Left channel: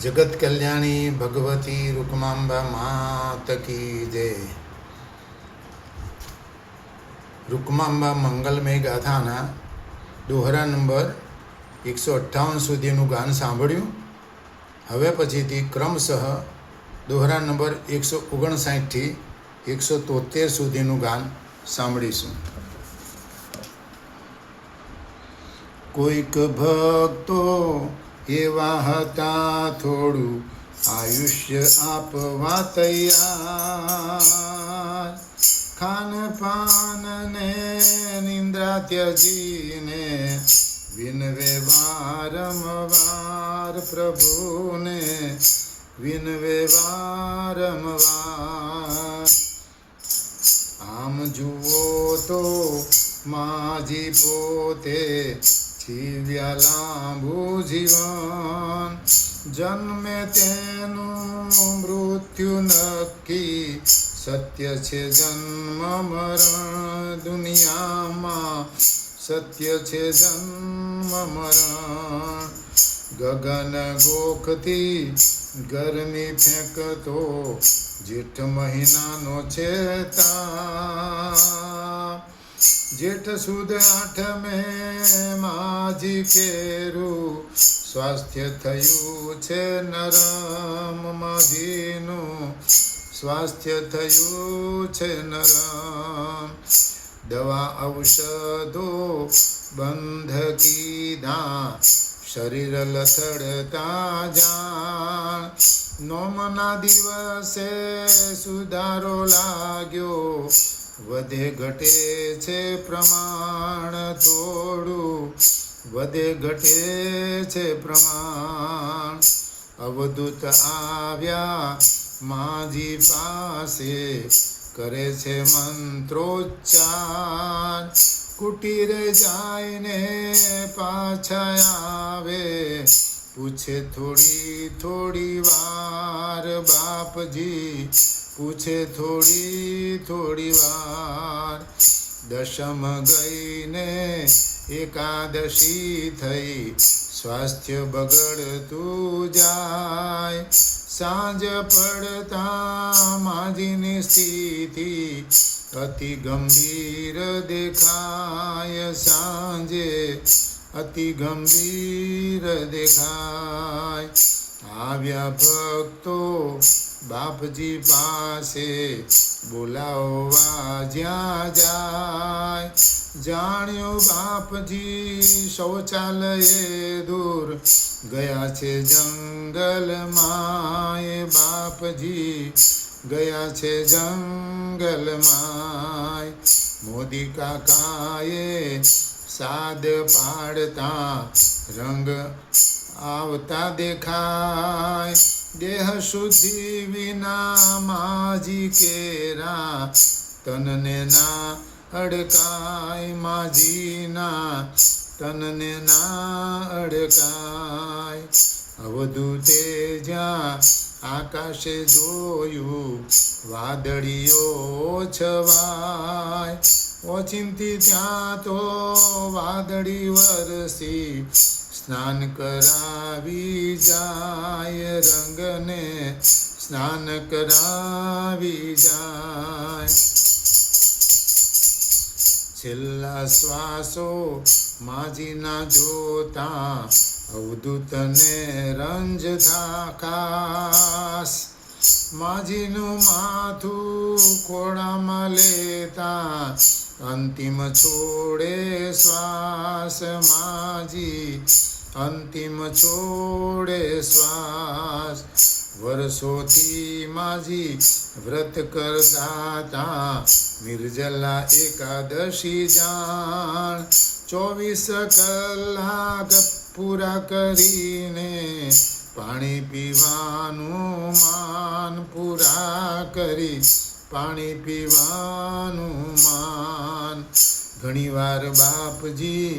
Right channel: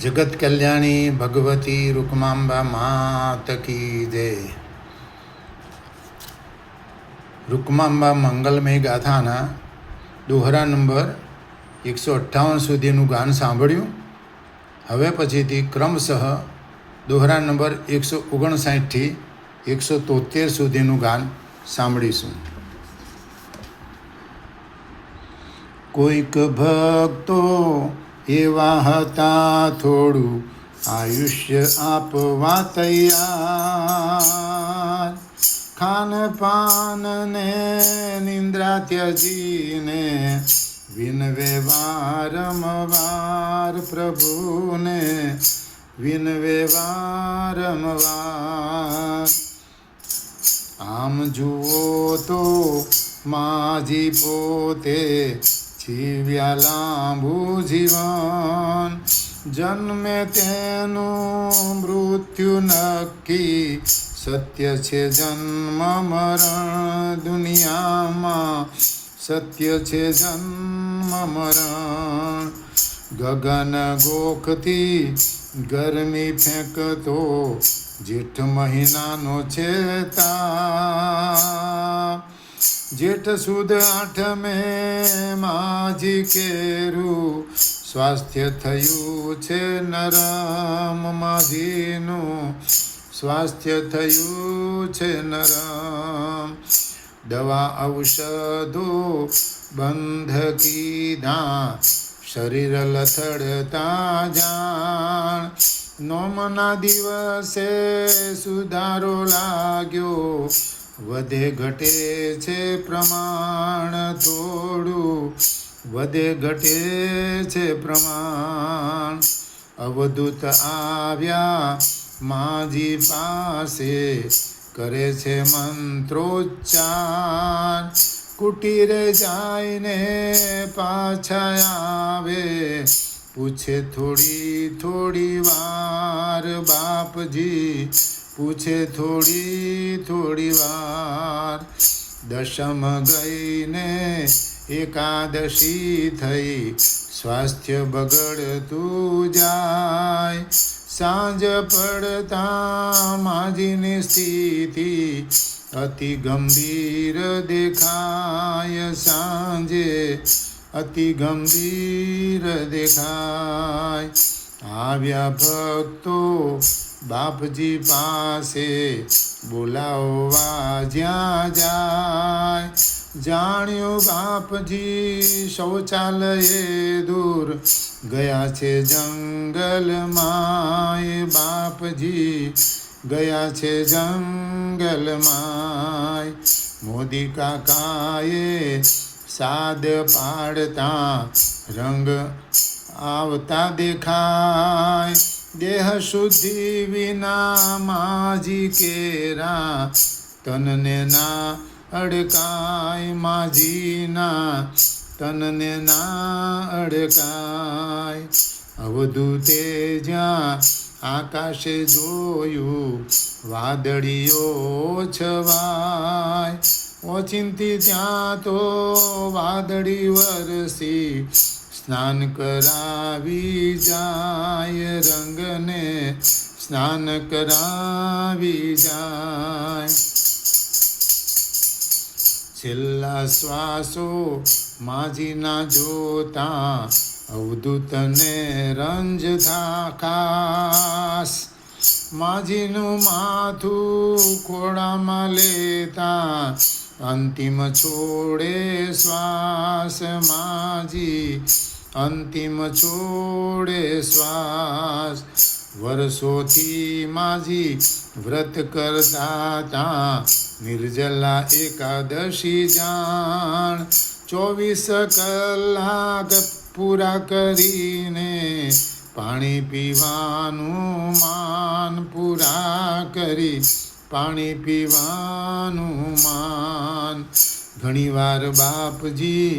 जगत कल्याणी भगवती रुक्मांबा मात की जय। रुक्मांबा मंगलमय गाथाना दोहरा नंबर 158 સુધીનું ગાન સાંભળ્યું। હવે પછીથી ક્રમશઃ દોહરા નંબર 159 થી 173 સુધીનું ગાન સાંભળીશું। કોઈક ભક્તો એવા હતા થોડું આયુષ્ય આપવા તૈયાર, ખાન પાન ને નિંદ્રા ત્યજીને વિનવે વારંવાર, પ્રભુને વિનવે વારંવાર। આમ જુઓ તો માજી પોતે જીવ્યા લાંબુ જીવન, જન્મે તેનું મૃત્યુ નક્કી, સત્ય છે જન્મ મરણ દુનિયામાં, સત્ય છે જન્મ મરણ। ગગન ગોખથી ગરમી ફેંકતો જેઠ મહિનાનો છે તાપ, જેઠ સુદ આઠમે માજી કેરું સ્વાસ્થ્ય થયું છે નરમ, માજીનું સ્વાસ્થ્ય થયું છે નરમ। દવા ઔષધો બંધ કીધા શરીર લથડતા જાણ, નોમના દિવસે સુધારો લાગ્યો, વધે ઘટે છે પ્રમાણ થોડું, વધે ઘટે છે પ્રમાણ। અવધૂત આવ્યા માજી પાસે, કરે છે મંત્રોચ્ચાર, કુટીરે જાયને પાછા આવે, પૂછે થોડી થોડી વાર બાપજી, પૂછે થોડી થોડી વાર। દશમ ગઈને એકાદશી થઈ, સ્વાસ્થ્ય બગડતું જાય, સાંજ પડતા માજીની સ્થિતિ અતિ ગંભીર દેખાય, સાંજે અતિ ગંભીર દેખાય। આવ્યા ભક્તો બાપજી પાસે, બોલાવવા જ્યાં જાય, જાણ્યું બાપજી શૌચાલયે દૂર ગયા છે જંગલમાં, બાપજી ગયા છે જંગલમાં। મોદી કાકાએ સાદ પાડતા રંગ આવતા દેખાય, દેહ શુદ્ધિ વિના માજી કેરા તનને ના અડકાય, માજીના તનને ના અડકાય। અવધૂતે જ્યાં આકાશે જોયું વાદળીઓ છવાય, ઓચિંતી ત્યાં તો વાદળી વરસી સ્નાન કરાવી જાય, રંગને સ્નાન કરાવી જાય। છેલ્લા શ્વાસો માજીના જોતા અવધૂતને રંજતા ખાસ, માજીનું માથું ખોળામાં લેતા અંતિમ છોડે શ્વાસ, માજી અંતિમ છોડે શ્વાસ। વર્ષોથી માજી વ્રત કરતા તા, નિર્જલા એકાદશી જાણ, 24 કલાક પૂરા કરીને પાણી પીવાનું માન, પૂરા કરી પાણી પીવાનું માન। ઘણીવાર બાપજી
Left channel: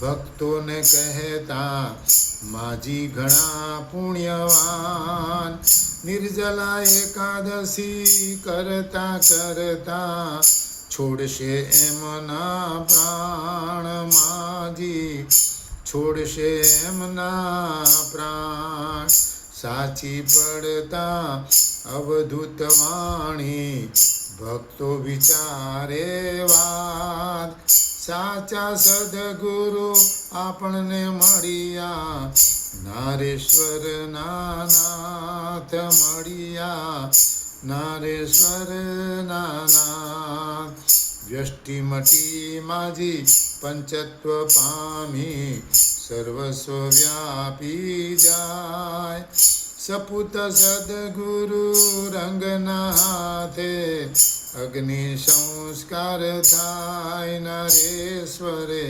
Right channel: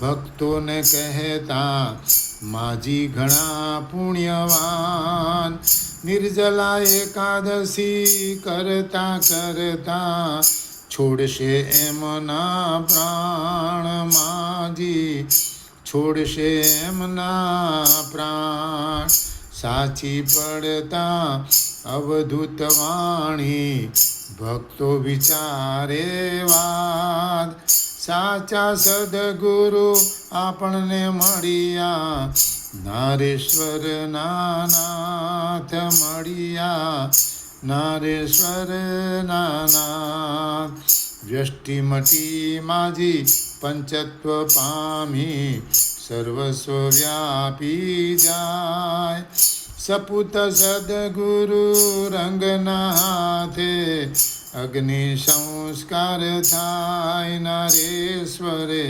ભક્તોને કહેતા, માજી ઘણા પુણ્યવાન, નિર્જલા એકાદશી કરતા કરતા છોડશે એમના પ્રાણ, માજી છોડશે એમના પ્રાણ। સાચી પડતા અવધૂત વાણી ભક્તો વિચારે વાત સાચા સદગુરુ આપણને મળ્યા નારેશ્વર નાથ મળ્યા નારેશ્વર નાથ વ્યષ્ટિ મટી માજી પંચત્વ પામી સર્વસ્વ વ્યાપી જાય સપુત સદગુરુ રંગના હાથે અગ્નિ સંસ્કાર થાય નરેશ્વરે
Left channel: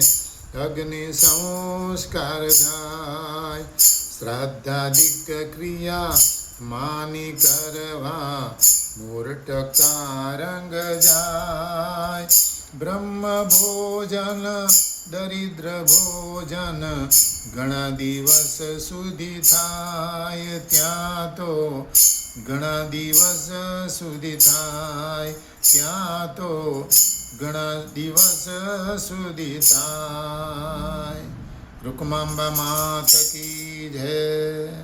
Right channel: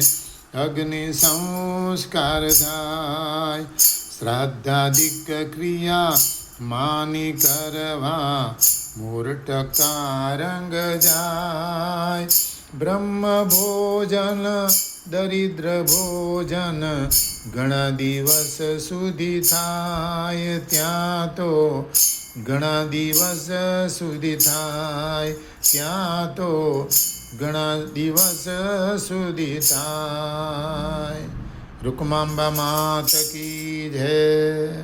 અગ્નિ સંસ્કાર થાય શ્રાદ્ધાદિક ક્રિયા માની કરવા મૂર્ટકા રંગ જાય બ્રહ્મ ભોજન દરિદ્ર ભોજન ઘણા દિવસ સુધી થાય ત્યાં તો ઘણા દિવસ સુધી થાય ત્યાં તો ઘણા દિવસ સુધી થાય રૂકમાંબા માત કી જય